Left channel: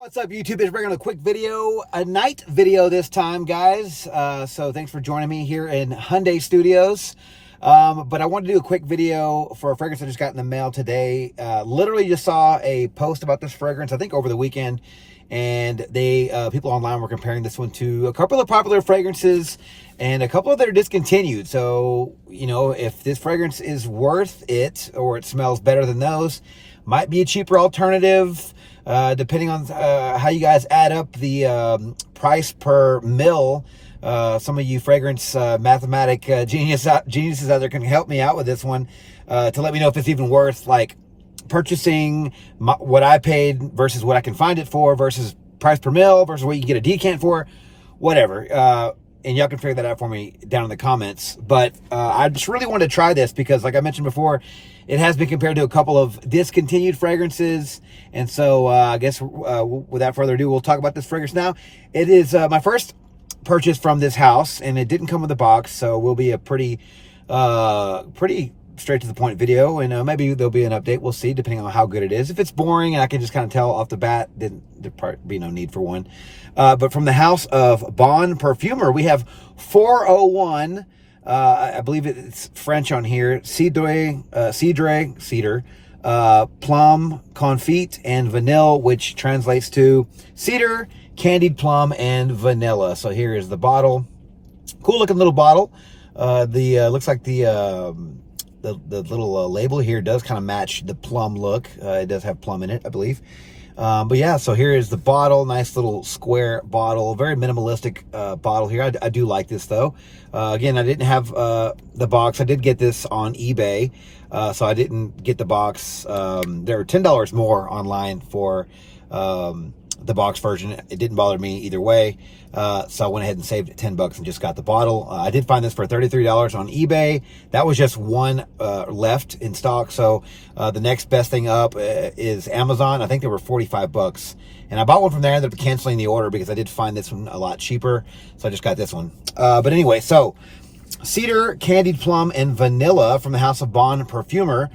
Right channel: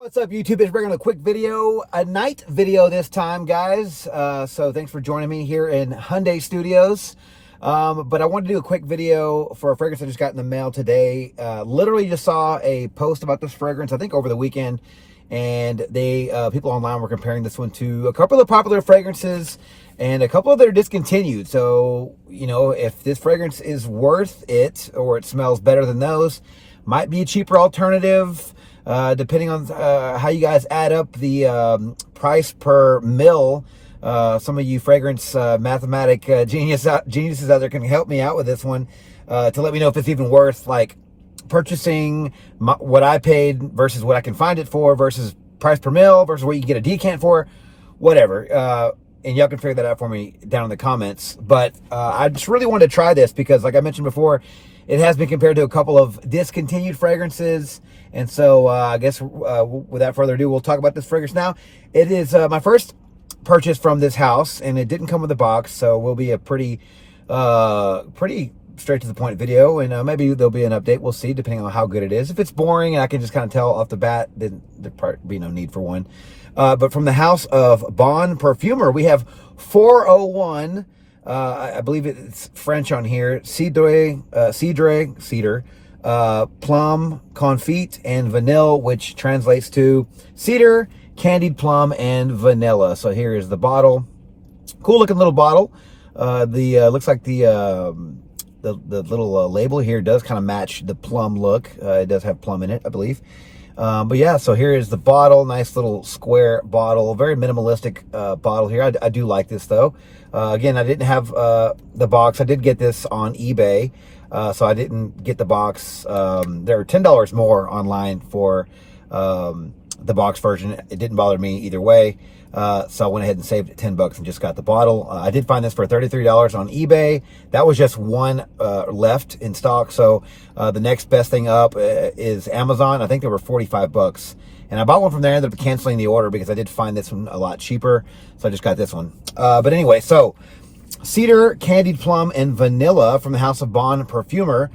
What's up, YouTube? It's bringing a quick video, a night video this time, guys. So thanks for joining me here in Hyundai Studios. But I wanted to do a quick video for a fragrance I just got in the mail today. Literally just saw a post about this fragrance, I think over the weekend, and people online were comparing this one to a couple of popular fragrances and a couple of that are discontinued. So, you know, if this fragrance is worth it or it smells better than those, might be a cheaper alternative. Depending on how you guys add up the price per mil. Some of you fragrance geniuses out there can help me out with this one to let me know if it's even worth like purchasing what I paid versus what I can find it for versus price per mil versus what you can get a decant for, whatever. And y'all can figure that out for me down in the comments. But I just really wanted to try this because, like I mentioned before, it has been compared to a couple of discontinued fragrances. And so I guess without further ado, we'll talk about this fragrance now. It is my first purchase from this house, and it didn't come with a box. So will be a pretty straight to the point video. And maybe there'll be an update. We'll see, depending on how good it is. If it's boring and I can just kind of tell off the bat, then there'd probably be no need for one. But from the house of Bon Parfumer, we have 401. I believe it's French on here. Cedar, plum, confit, and vanilla, which translates to cedar, candied plum, and vanilla. So here is the bottle. Cool looking little bottle. Looks like the little label here does kind of match the plum look. It does have plum in it, I believe. But yeah, so here is the bottle. Nice little square bottle. Very minimalistic bottle here. I do like this though. Again, I didn't have the box. I did get this on eBay, so I didn't get the box. There are $10 more online for the box version. It didn't bother me either way. So I went ahead and saved $10 and just got the bottle. I did find this for $33 on eBay. That was just one left in stock. So the next best thing up is Amazon. I think they were $45. And I bought one from there. I ended up canceling the order because I did find this one a lot cheaper. So I just got this one. But anyway, so cedar, candied plum, and vanilla from the house of Bon Parfumer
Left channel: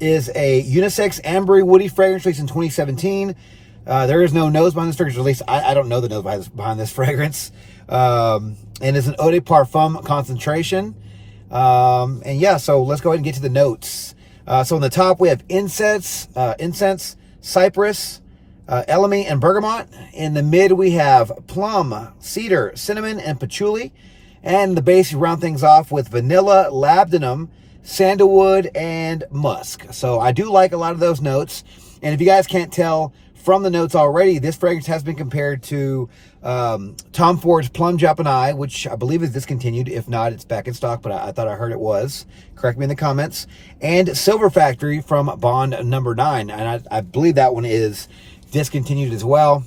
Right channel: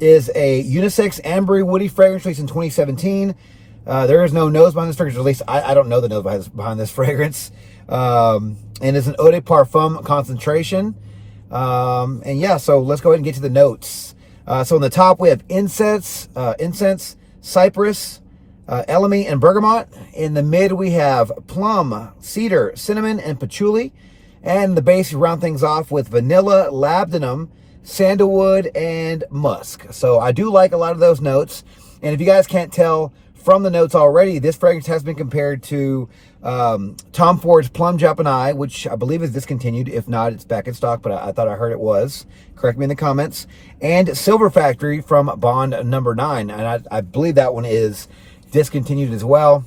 is a unisex ambery woody fragrance released in 2017. There is no nose behind this fragrance, or at least I don't know the nose behind this fragrance. And it's an eau de parfum concentration. And yeah, so let's go ahead and get to the notes. So on the top, we have incense, cypress, elemi, and bergamot. In the mid, we have plum, cedar, cinnamon, and patchouli. And the base, you round things off with vanilla, labdanum, sandalwood, and musk. So I do like a lot of those notes. And if you guys can't tell from the notes already, this fragrance has been compared to Tom Ford's Plum Japanese, which I believe is discontinued. If not, it's back in stock, but I thought I heard it was. Correct me in the comments. And Silver Factory from Bond number 9. And I believe that one is discontinued as well.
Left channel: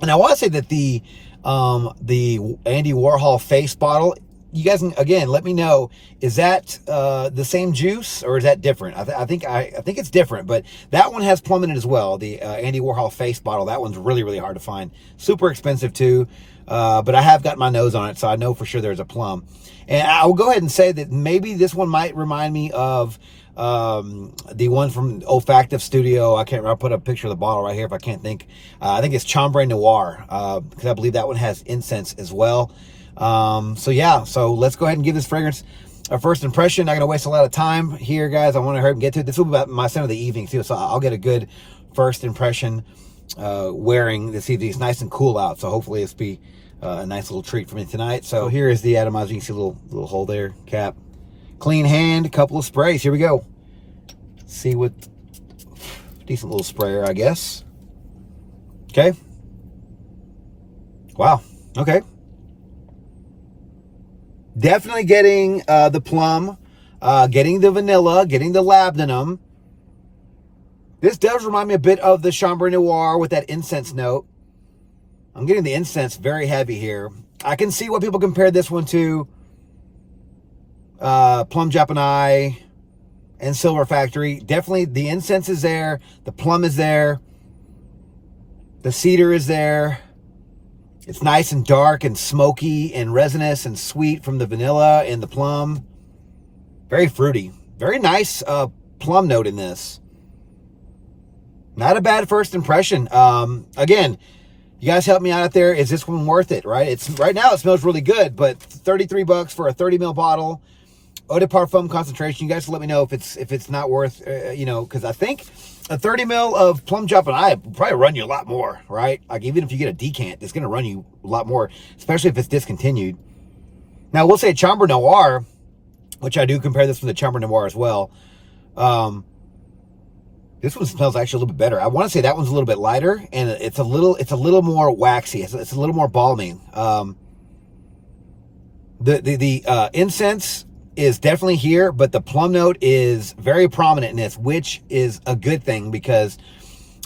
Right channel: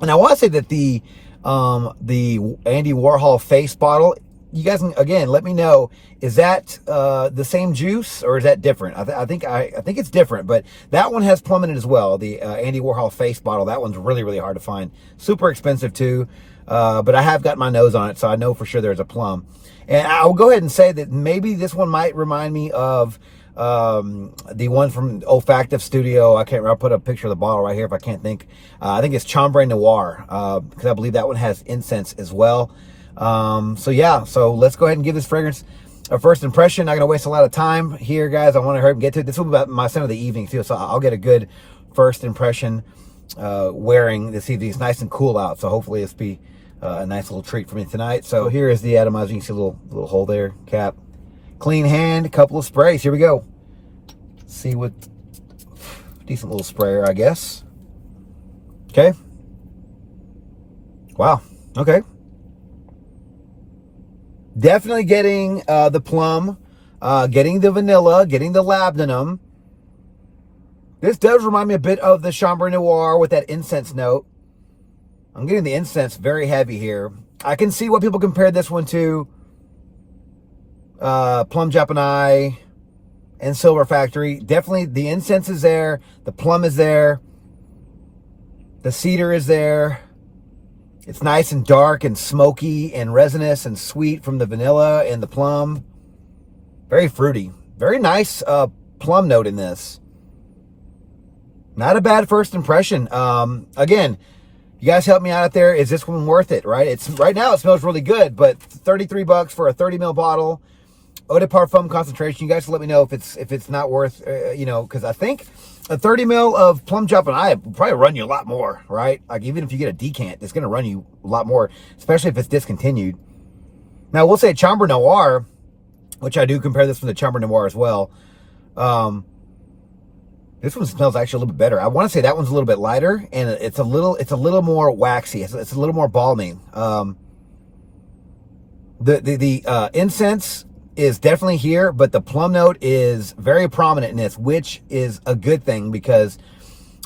And I want to say that the Andy Warhol face bottle, you guys can, again, let me know, is that the same juice or is that different? I think it's different, but that one has plum in it as well. The Andy Warhol face bottle, that one's really, really hard to find. Super expensive too, but I have got my nose on it, so I know for sure there's a plum. And I will go ahead and say that maybe this one might remind me of the one from Olfactive Studio. I can't remember. I'll put a picture of the bottle right here if I can't think. I think it's Chambre Noir, because I believe that one has incense as well. So yeah, so let's go ahead and give this fragrance a first impression. Not gonna waste a lot of time here, guys. I want to hurry and get to it. This will be about my scent of the evening too, so I'll get a good first impression wearing this evening. It's nice and cool out, so hopefully it's be a nice little treat for me tonight. So here is the atomizer. You can see a little hole there, cap. Clean hand, couple of sprays. Here we go. See what, decent little sprayer, I guess. Okay. Wow. Okay. Definitely getting the plum, getting the vanilla, getting the labdanum. This does remind me a bit of the Chambre Noir with that incense note. I'm getting the incense very heavy here. I can see what people compare this one to. Plum Japanese and Silver Factory. Definitely the incense is there. The plum is there. The cedar is there. It's nice and dark and smoky and resinous and sweet from the vanilla and the plum. Very fruity. Very nice plum note in this. Not a bad first impression. Again, you guys help me out there. Is this one worth it, right? It's right now it smells really good, but 33 bucks for a 30 ml bottle. Eau de Parfum concentration. You guys let me know if it's not worth, because I think a 30 ml of Plum Jump and I will probably run you a lot more, right? Like even if you get a decant, it's going to run you a lot more, especially if it's discontinued. Now, we'll say Chambre Noir, which I do compare this with the Chambre Noir as well. This one smells actually a little bit better. I want to say that one's a little bit lighter, and it's a little more waxy. It's a little more balmy. The incense is definitely here, but the plum note is very prominent in this, which is a good thing because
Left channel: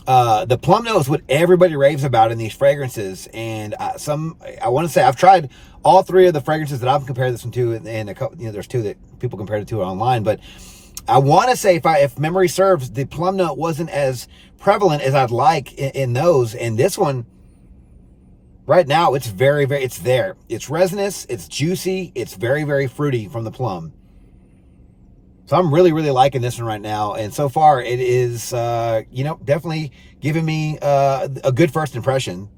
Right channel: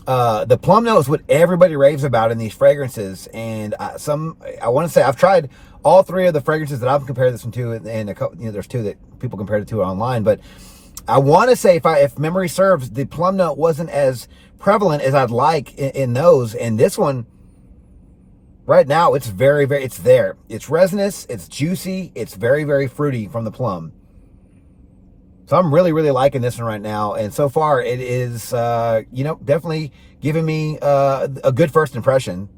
the plum note is what everybody raves about in these fragrances. And I want to say I've tried all three of the fragrances that I've compared this one to, and a couple, there's two that people compared it to online, but I want to say, if memory serves, the plum note wasn't as prevalent as I'd like in those. And this one, right now, it's very, very, it's there. It's resinous, it's juicy, it's very, very fruity from the plum. So I'm really, really liking this one right now. And so far, it is, definitely giving me a good first impression.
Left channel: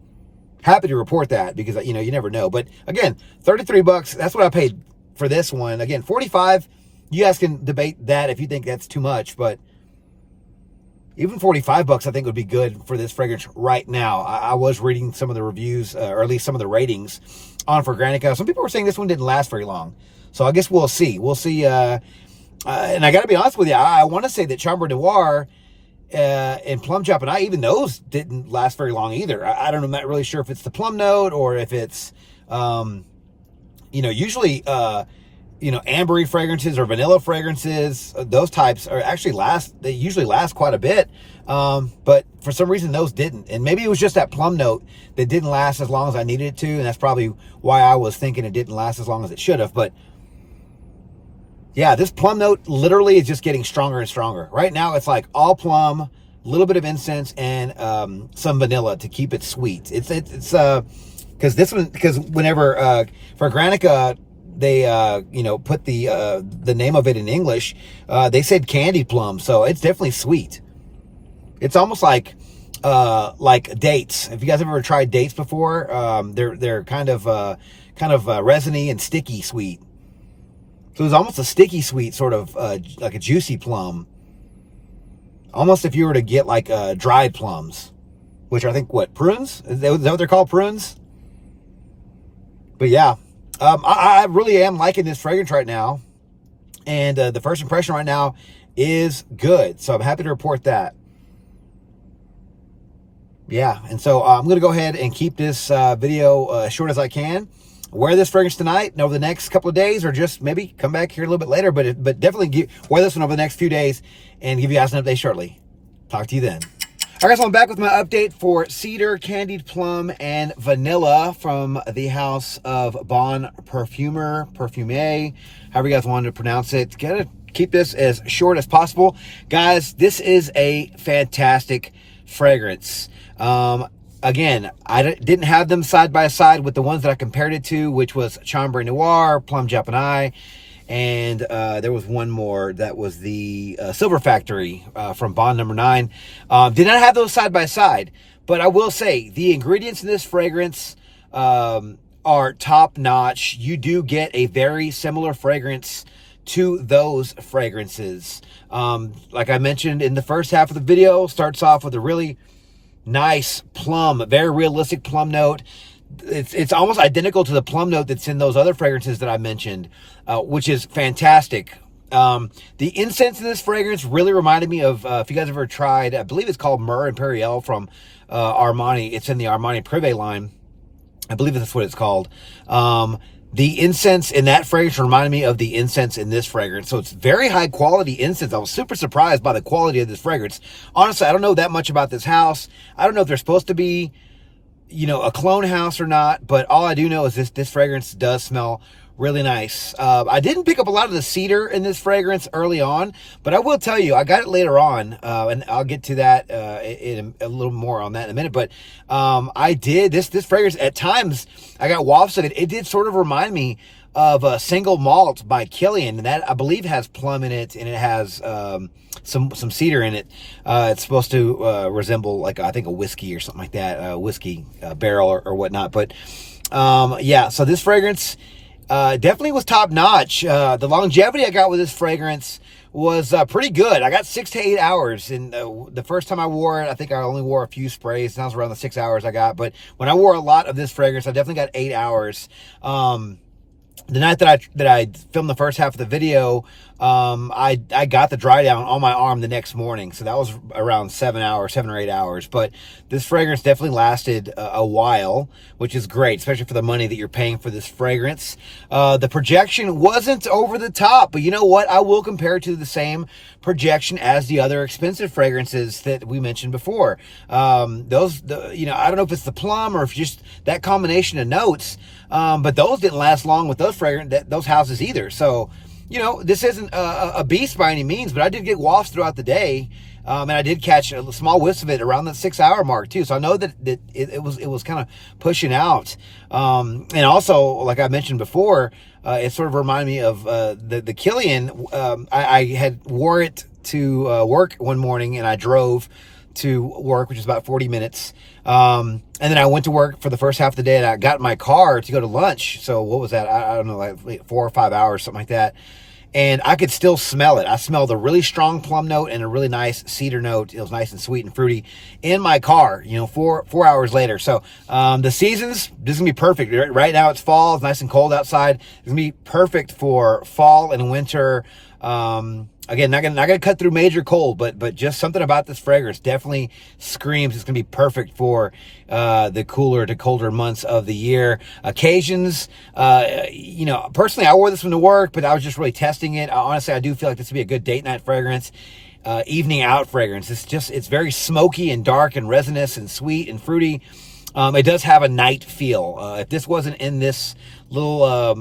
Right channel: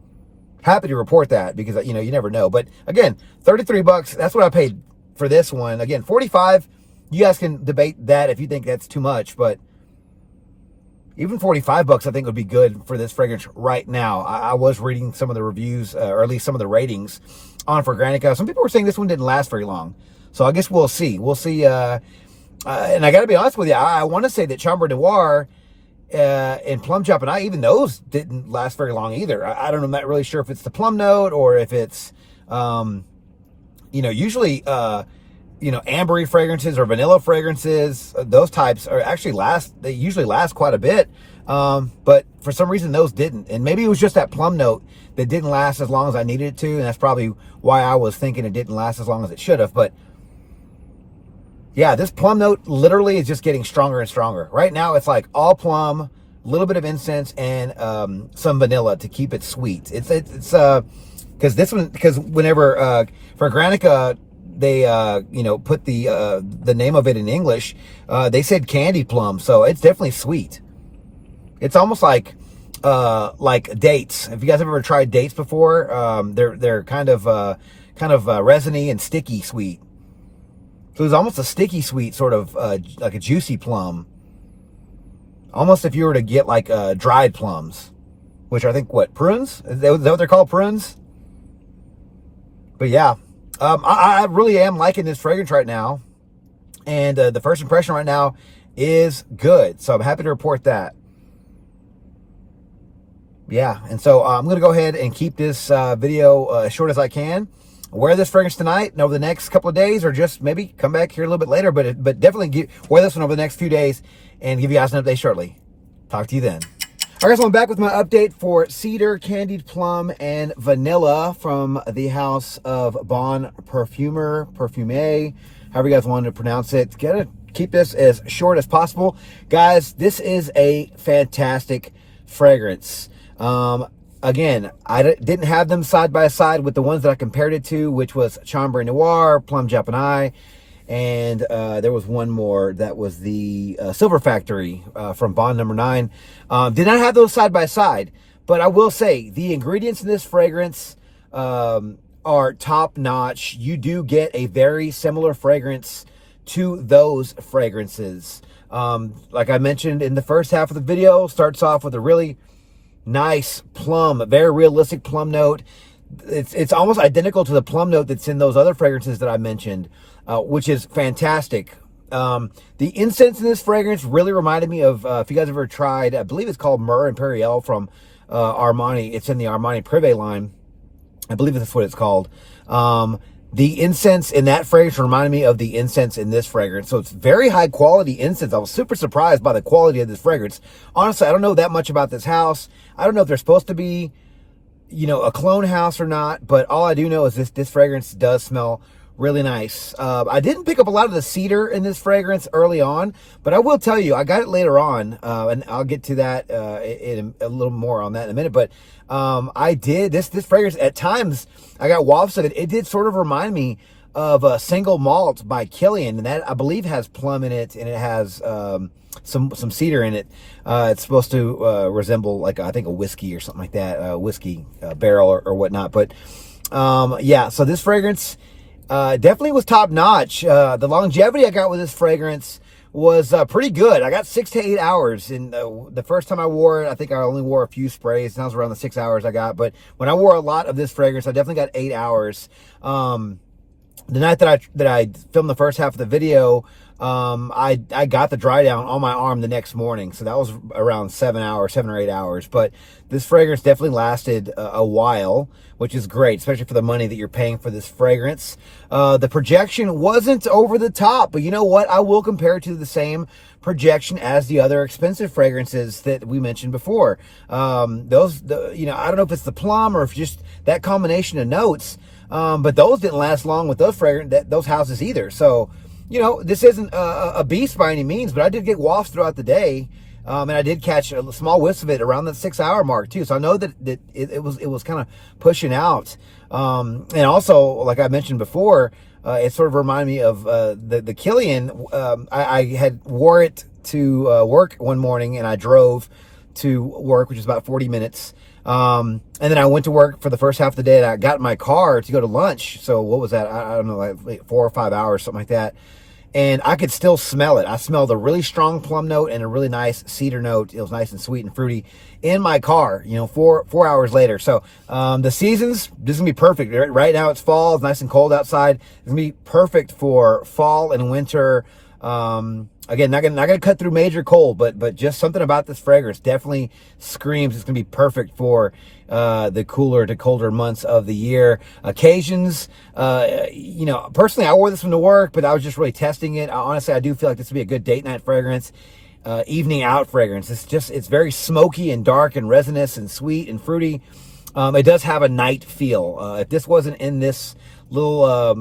Happy to report that because, you never know. But again, 33 bucks, that's what I paid for this one. Again, 45. You guys can debate that if you think that's too much, but even 45 bucks I think would be good for this fragrance right now. I was reading some of the reviews, or at least some of the ratings on Fragrantica. Some people were saying this one didn't last very long. So I guess we'll see. We'll see. And I got to be honest with you, I want to say that Chambre Noir and Plum Chop and even those didn't last very long either. I don't know. I'm not really sure if it's the plum note or if it's, usually, ambery fragrances or vanilla fragrances, those types are actually they usually last quite a bit. But for some reason those didn't. And maybe it was just that plum note that didn't last as long as I needed it to. And that's probably why I was thinking it didn't last as long as it should have. But yeah, this plum note literally is just getting stronger and stronger. Right now it's like all plum, a little bit of incense, and some vanilla to keep it sweet. It's because whenever Fragrantica, they put the name of it in English, they said candy plum, so it's definitely sweet. It's almost like dates. If you guys have ever tried dates before, they're kind of resiny and sticky sweet. So it's almost a sticky sweet, sort of like a juicy plum. Almost if you were to get like dried plums, which I think prunes? Is that what they're called, prunes? But yeah. I really am liking this fragrance right now. And the first impression right now is good. So I'm happy to report that. Yeah, and so I'm going to go ahead and keep this video as short as I can. Wear this fragrance tonight and over the next couple of days, or just maybe come back here a little bit later. But definitely wear this one over the next few days and give you guys an update shortly. Talk to you then. All right, so I'm back with my update for Cedar, Candied Plum, and Vanilla from the house of Bon Parfumer, however you guys want to pronounce it. Gotta keep this as short as possible. Guys, this is a fantastic fragrance. Again, I didn't have them side by side with the ones that I compared it to, which was Chambre Noir, Plum Japonais, and there was one more that was the Silver Factory from Bond number 9. Did not have those side by side, but I will say the ingredients in this fragrance are top notch. You do get a very similar fragrance to those fragrances. Like I mentioned in the first half of the video, starts off with a really nice plum, very realistic plum note. It's almost identical to the plum note that's in those other fragrances that I mentioned, which is fantastic. The incense in this fragrance really reminded me of, if you guys ever tried, I believe it's called Myrrh Imperial from Armani. It's in the Armani Privé line. I believe that's what it's called. The incense in that fragrance reminded me of the incense in this fragrance. So it's very high quality incense. I was super surprised by the quality of this fragrance. Honestly, I don't know that much about this house. I don't know if they're supposed to be, a clone house or not, but all I do know is this fragrance does smell really nice. I didn't pick up a lot of the cedar in this fragrance early on, but I will tell you, I got it later on, and I'll get to that in a little more on that in a minute. But I did this fragrance at times. I got wafts of it. It did sort of remind me of Single Malt by Killian, and that I believe has plum in it, and it has some cedar in it. It's supposed to resemble, like, I think a whiskey or something like that, whiskey barrel or whatnot. But yeah, so this fragrance definitely was top notch. The longevity I got with this fragrance was pretty good. I got 6 to 8 hours, and the first time I wore it, I think I only wore a few sprays, and that was around the 6 hours I got. But when I wore a lot of this fragrance, I definitely got 8 hours. The night that I filmed the first half of the video, I got the dry down on my arm the next morning, so that was around 7 or 8 hours. But this fragrance definitely lasted a while, which is great, especially for the money that you're paying for this fragrance. The projection wasn't over the top, but you know what? I will compare it to the same projection as the other expensive fragrances that we mentioned before. You know, I don't know if it's the plum or if just that combination of notes. But those didn't last long with those houses either. So, you know, this isn't a beast by any means, but I did get wafts throughout the day. And I did catch a small whiffs of it around the 6 hour mark too. So I know that it was kind of pushing out. And also, like I mentioned before, it sort of reminded me of the Killian. I had wore it to work one morning, and I drove to work, which is about 40 minutes. And then I went to work for the first half of the day, and I got in my car to go to lunch. So what was that? I don't know, like 4 or 5 hours, something like that. And I could still smell it. I smelled a really strong plum note and a really nice cedar note. It was nice and sweet and fruity in my car, you know, 4 hours later. So, the seasons, this is gonna be perfect. Right now it's fall, it's nice and cold outside. It's gonna be perfect for fall and winter. Again, not gonna cut through major cold, but just something about this fragrance definitely screams it's gonna be perfect for the cooler to colder months of the year. Occasions, you know, personally, I wore this one to work, but I was just really testing it. Honestly, I do feel like this would be a good date night fragrance, evening out fragrance. It's very smoky and dark and resinous and sweet and fruity. It does have a night feel. If this wasn't in this little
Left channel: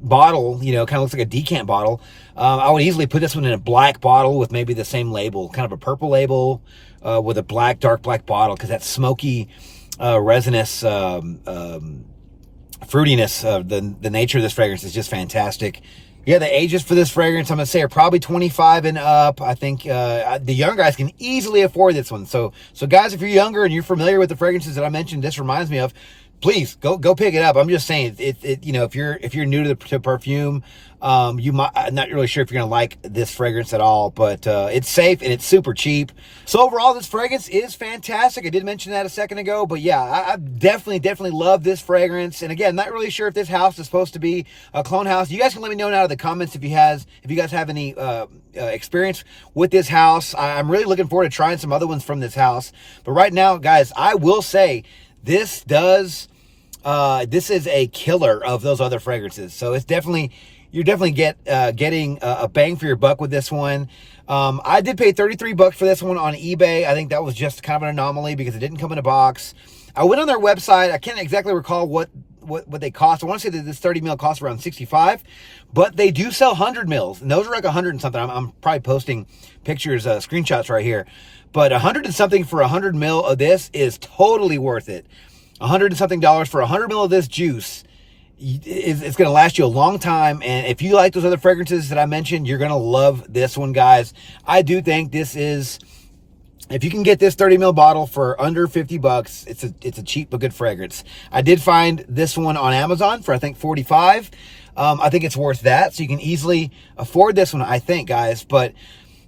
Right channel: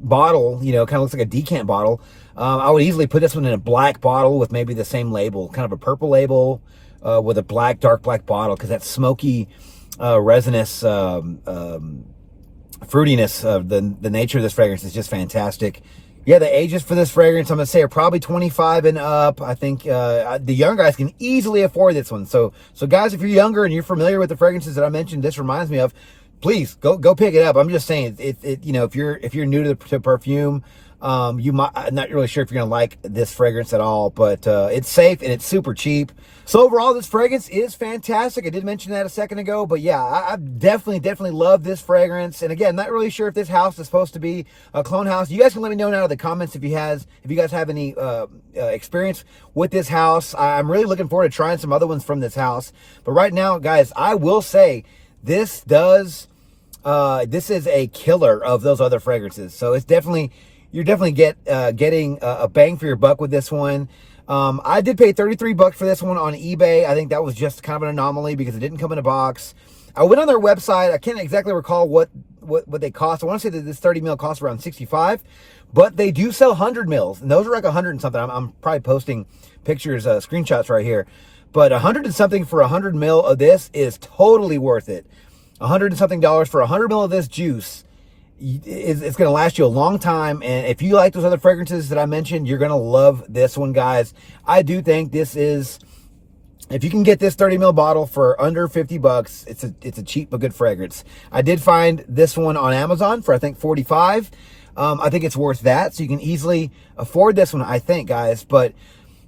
bottle, you know, kind of looks like a decant bottle, I would easily put this one in a black bottle with maybe the same label, kind of a purple label with a dark black bottle, because that smoky, resinous fruitiness of the nature of this fragrance is just fantastic. Yeah, the ages for this fragrance, I'm going to say, are probably 25 and up. I think the young guys can easily afford this one. So guys, if you're younger and you're familiar with the fragrances that I mentioned, this reminds me of, please go pick it up. I'm just saying, you know, if you're new to perfume, you might, I'm not really sure if you're gonna like this fragrance at all, but it's safe and it's super cheap. So overall, this fragrance is fantastic. I did mention that a second ago, but yeah, I definitely love this fragrance. And again, not really sure if this house is supposed to be a clone house. You guys can let me know now in the comments if you guys have any experience with this house. I'm really looking forward to trying some other ones from this house. But right now, guys, I will say this is a killer of those other fragrances. So it's definitely, you're definitely getting a bang for your buck with this one. I did pay $33 for this one on eBay. I think that was just kind of an anomaly because it didn't come in a box. I went on their website. I can't exactly recall what they cost. I want to say that this 30 mil costs around $65, but they do sell 100 mils, and those are like 100 and something. I'm probably posting pictures, screenshots right here, but 100 and something for 100 mil of this is totally worth it. 100 and something dollars for 100 mil of this juice. It's going to last you a long time. And if you like those other fragrances that I mentioned, you're going to love this one, guys. I do think this is, if you can get this 30 mil bottle for under $50, it's a cheap but good fragrance. I did find this one on Amazon for, I think, $45. I think it's worth that. So you can easily afford this one, I think, guys. But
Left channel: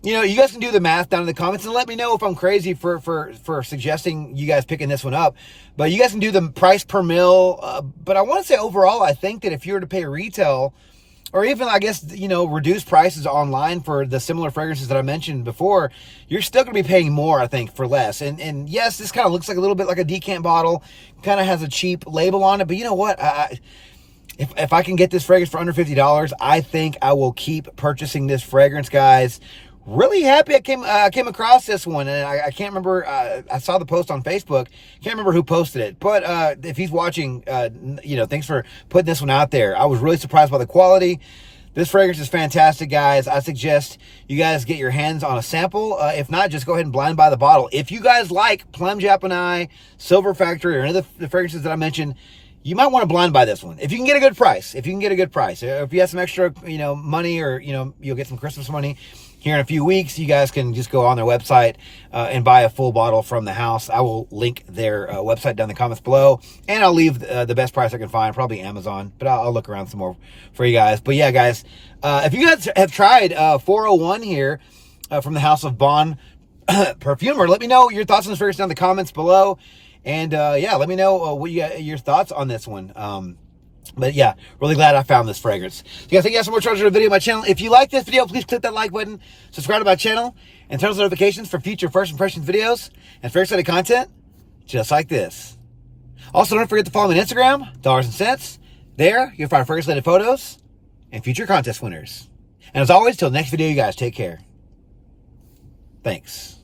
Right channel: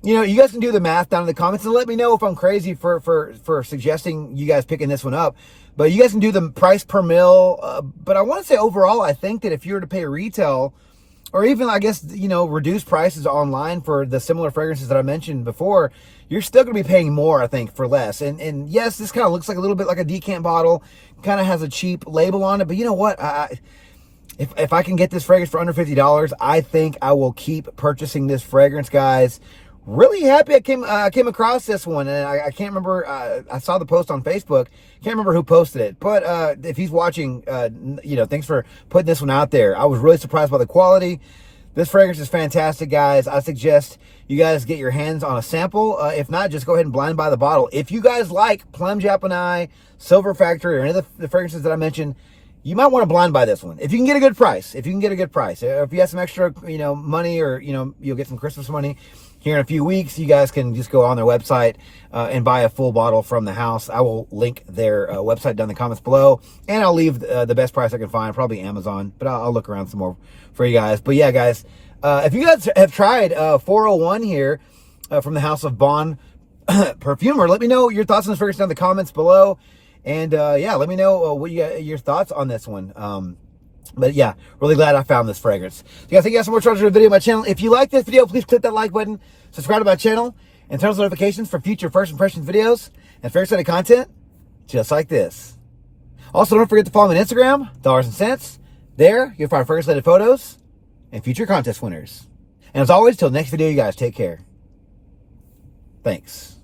you know, you guys can do the math down in the comments and let me know if I'm crazy for suggesting you guys picking this one up. But you guys can do the price per mil. But I want to say overall, I think that if you were to pay retail, or even, I guess, you know, reduce prices online for the similar fragrances that I mentioned before, you're still going to be paying more, I think, for less. And yes, this kind of looks like a little bit like a decant bottle, kind of has a cheap label on it. But you know what? If I can get this fragrance for under $50, I think I will keep purchasing this fragrance, guys. Really happy I came across this one, and I can't remember, I saw the post on Facebook, can't remember who posted it, but if he's watching, you know, thanks for putting this one out there. I was really surprised by the quality. This fragrance is fantastic, guys. I suggest you guys get your hands on a sample. If not, just go ahead and blind buy the bottle. If you guys like Plum Japanese, Silver Factory, or any of the fragrances that I mentioned, you might want to blind buy this one. If you can get a good price, if you have some extra, money, or, you'll get some Christmas money here in a few weeks, you guys can just go on their website and buy a full bottle from the house. I will link their website down in the comments below, and I'll leave the best price I can find, probably Amazon, but I'll look around some more for you guys. But yeah, guys, if you guys have tried 401 here from the House of Bond Perfumer, let me know your thoughts on this fragrance down in the comments below. And yeah, let me know what your thoughts on this one. But yeah, really glad I found this fragrance. So guys, thank you guys so much for watching the video on my channel. If you like this video, please click that like button, subscribe to my channel, and turn on notifications for future first impressions videos and fragrance related content just like this. Also, don't forget to follow me on Instagram, Dollars and Cents. There, you'll find fragrance related photos and future contest winners. And as always, till next video, you guys take care. Thanks.